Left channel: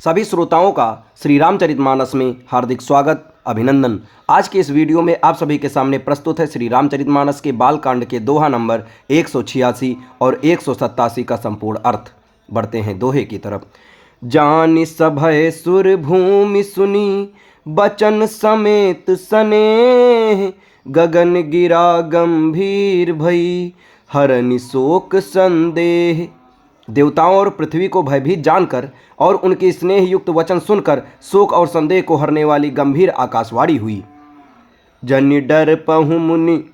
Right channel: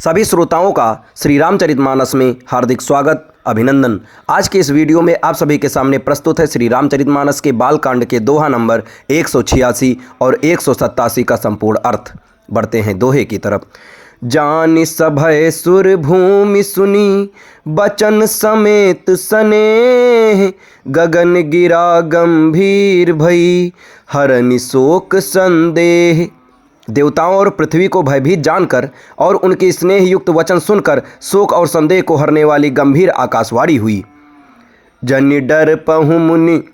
सभी श्रोताओं का श्री रामचरितमानस में हार्दिक स्वागत अभिनंदन। आज के इस वीडियो में आप सभी के सामने प्रस्तुत है श्री रामचरितमानस के बालकांड के दोहा नंबर 186 और 187 का संपूर्ण अर्थ। बढ़ते हैं दोहे की तरफ। जानि सभय सुर भूमि सुनी बचन समेत सनेह, गगन गिरा गंभीर भई हरनि शोक संदेह। देवताओं और पृथ्वी को भयभीत जानकर और उनके स्नेह युक्त वचन सुनकर शोक और संदेह को हरने वाली गंभीर आकाशवाणी हुई। जनि डर पहु मुनि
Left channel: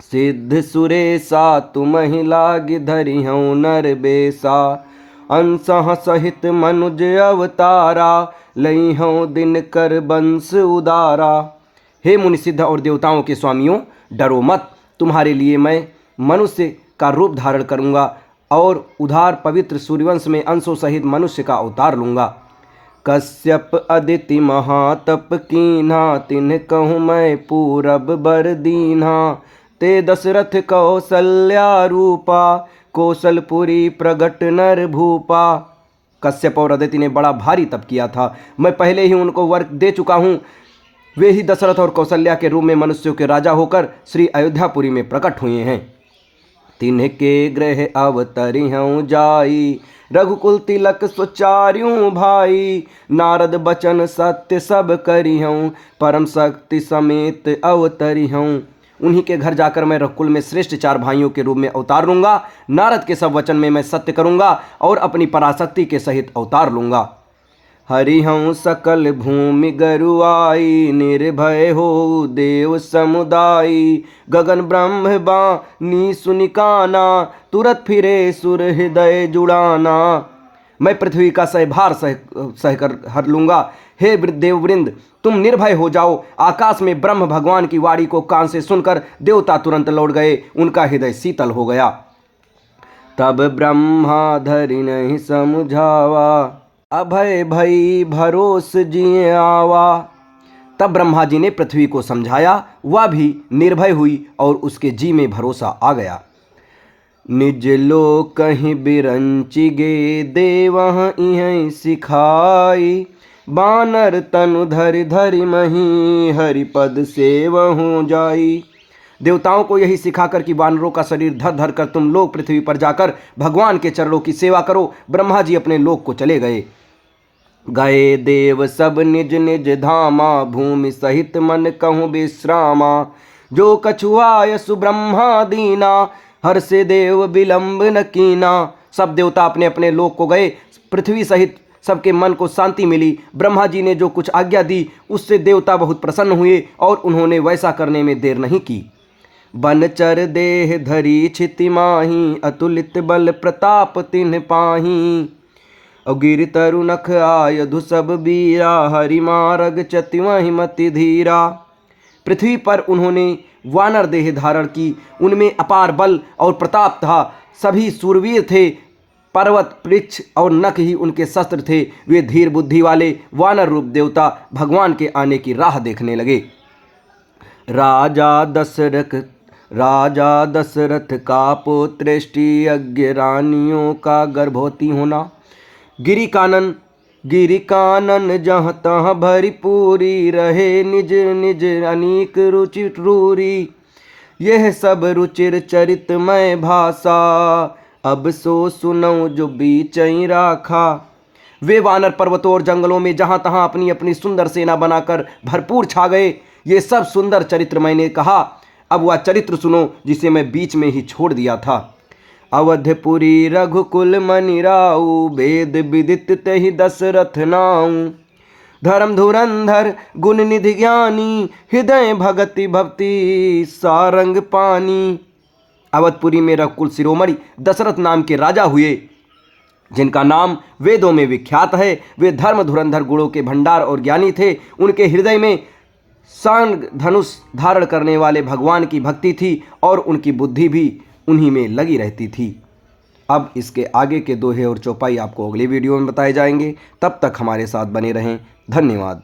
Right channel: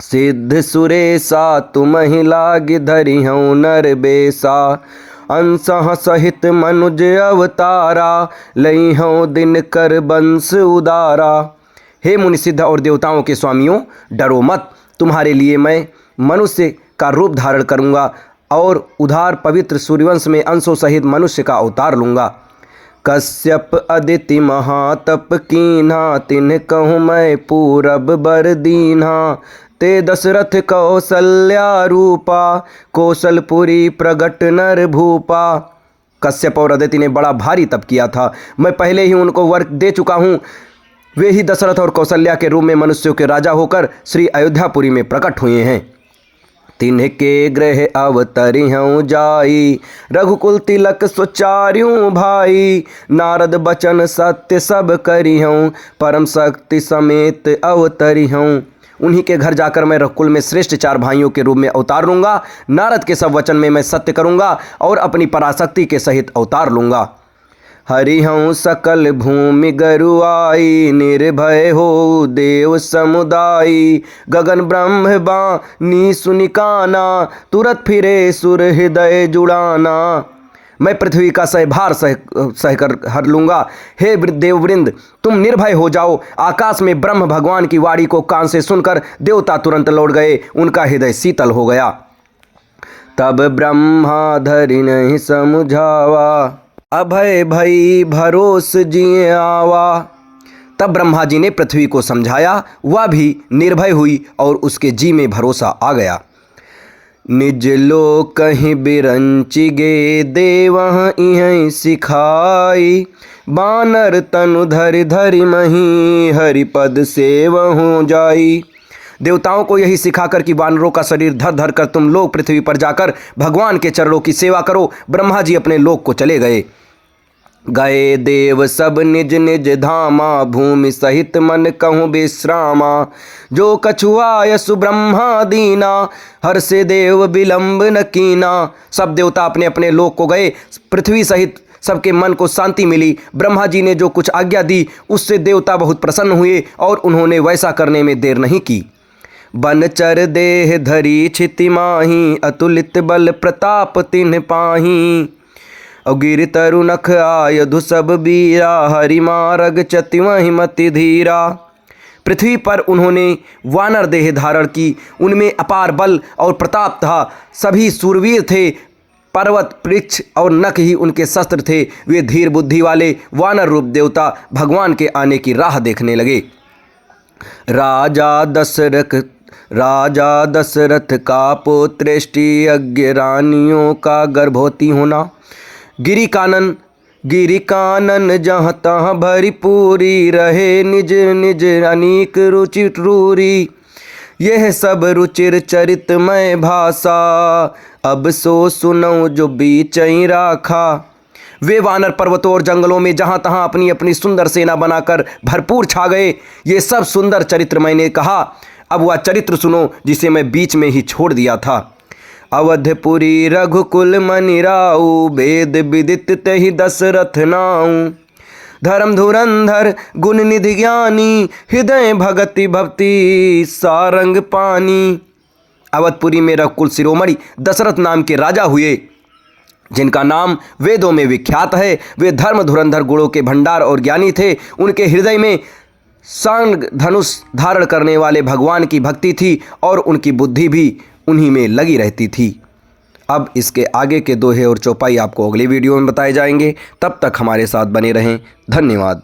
सिद्ध सुरेसा, तुमहि लाग धरिहउँ नर बेसा, अंसह सहित मनुज अवतारा, लइहउँ दिन कर बंस उदारा। हे मुनि सिद्ध और देवताओं के स्वामियों, डरो मत, तुम्हारे लिए मैं मनुष्य का रूप धारण करूँगा और उधार पवित्र सूर्यवंश में अंशों सहित मनुष्य का अवतार लूँगा। कश्यप अदिति महातप कीन्हा, तिन्ह कहूँ मैं पूरब बर दीन्हा, ते दशरथ कौसल्या रूपा, कौशलपुरी प्रगट नर भूपा। कश्यप और अदिति ने बड़ा भारी तप किया था, मैं पहले ही उनको वर दे चुका हूँ। वे ही दशरथ और कौशल्या के रूप में मनुष्यों के राजा होकर श्री अयोध्यापुरी में प्रकट हुए हैं। तिन्ह के गृह अवतरिहउँ जाई, रघुकुल तिलक सुचार्यों भाई, नारद बचन सत्य सब करिहउँ, परम शक्ति समेत अवतरिहउँ। उन्हीं के घर जाकर मैं रघुकुल में श्रेष्ठ 4 भाइयों के रूप में अवतार लूँगा। नारद के सब वचन में मैं सत्य करूँगा और अपनी पराशक्ति के सहित अवतार लूँगा। हरिहउँ सकल भूमि गरुआई, निर्भय हो देव समुदायी, गगन ब्रह्म बानी सुनिकाना, तुरत फिरे सुर हृदय जुड़ाना। मैं पृथ्वी का सहभार सहकर हर लूँगा। हे देववृंद, तुम निर्भय हो जाओ। आकाश में ब्रह्म भगवान की वाणी को कान से सुनकर देवता तुरंत लौट गए, उनका हृदय शीतल हो गया। तब ब्रह्मा धरि नहीं समझावा, अभय भई भरोस जिए आवा। तब ब्रह्मा जी ने पृथ्वी को समझाया, वह भी निर्भय हुई और उसके जी में भरोसा आ गया। निज लोक कहीं बिरंचि गे, देवह इहीं सिखाई, बानर तनु धरि धरि मही, हरिपद सेवहु जाई। देवताओं को यही सिखाकर कि वानरों का शरीर धर धर कर तुम लोग पृथ्वी पर जाकर भगवान के चरणों की सेवा करो, ब्रह्मा जी अपने लोक को चले गए। गए देव सब निज निज धामा, भूमि सहित मन कहूँ विश्रामा, जो कछुआ सुब्रह्मा दीना, हर से देव विलंब न कीना। सब देवता अपने अपने लोक को गए, पृथ्वी सहित सबके मन को शांति मिली। ब्रह्मा जी ने जो कुछ आज्ञा दी उससे देवता बहुत प्रसन्न हुए और उन्होंने वैसा करने में देर नहीं की। बनचर देह धरी क्षिति माही, अतुलित बल प्रताप तिन्ह पाही, गिर तरु नख आयुध सब बीरा, हरि मारग चतिवहि मति धीरा। पृथ्वी पर उन्होंने वानर देह धारण की, उनमें अपार बल और प्रताप था। सभी सूरवीर थे, पर्वत वृक्ष और नख ही उनके शस्त्र थे। वे धीर बुद्धि वाले वानर रूप देवता भगवान के आने की राह देखने लगे। राजा दशरथ का पुत्रेष्टि, अज्ञ रानियों का गर्भवती होना। गिरि कानन जहाँ तहाँ भरी पूरी, रहे निज निज अनेक रुचि रूरी, यह सब रुचिर चरितमय भाषा, अब सो सुनो जो बीचई राखा। वे वानर पर्वतों और जंगलों में जहाँ तहाँ अपनी अपनी सुंदर सेना बनाकर भरपूर छा गए। ये सब सुंदर चरित्र मैंने कहा, अब वह चरित्र सुनो जिसे मैं बीच में ही छोड़ दिया था। अवधपुरी रघुकुल मनि राऊ, वेद विदित तहि दशरथ नाऊ, धर्म धुरंधर गुण निधि ज्ञानी, हृदय भगति भक्ति सारंग पानी। अवधपुरी में रघुकुल शिरोमणि दशरथ नाम के राजा हुए, जिनका नाम वेदों में विख्यात है। वे धर्म धुरंधर गुणों के भंडार और ज्ञानी थे। उनके हृदय में सांग धनुष धारण करने वाले भगवान की भक्ति थी और उनकी बुद्धि भी उन्हीं में लगी रहती थी। अब इसके आगे के दोहे और चौपाई आपको अगली वीडियो में बताए जाएंगे। तब तक हमारे साथ बने रहें। धन्यवाद।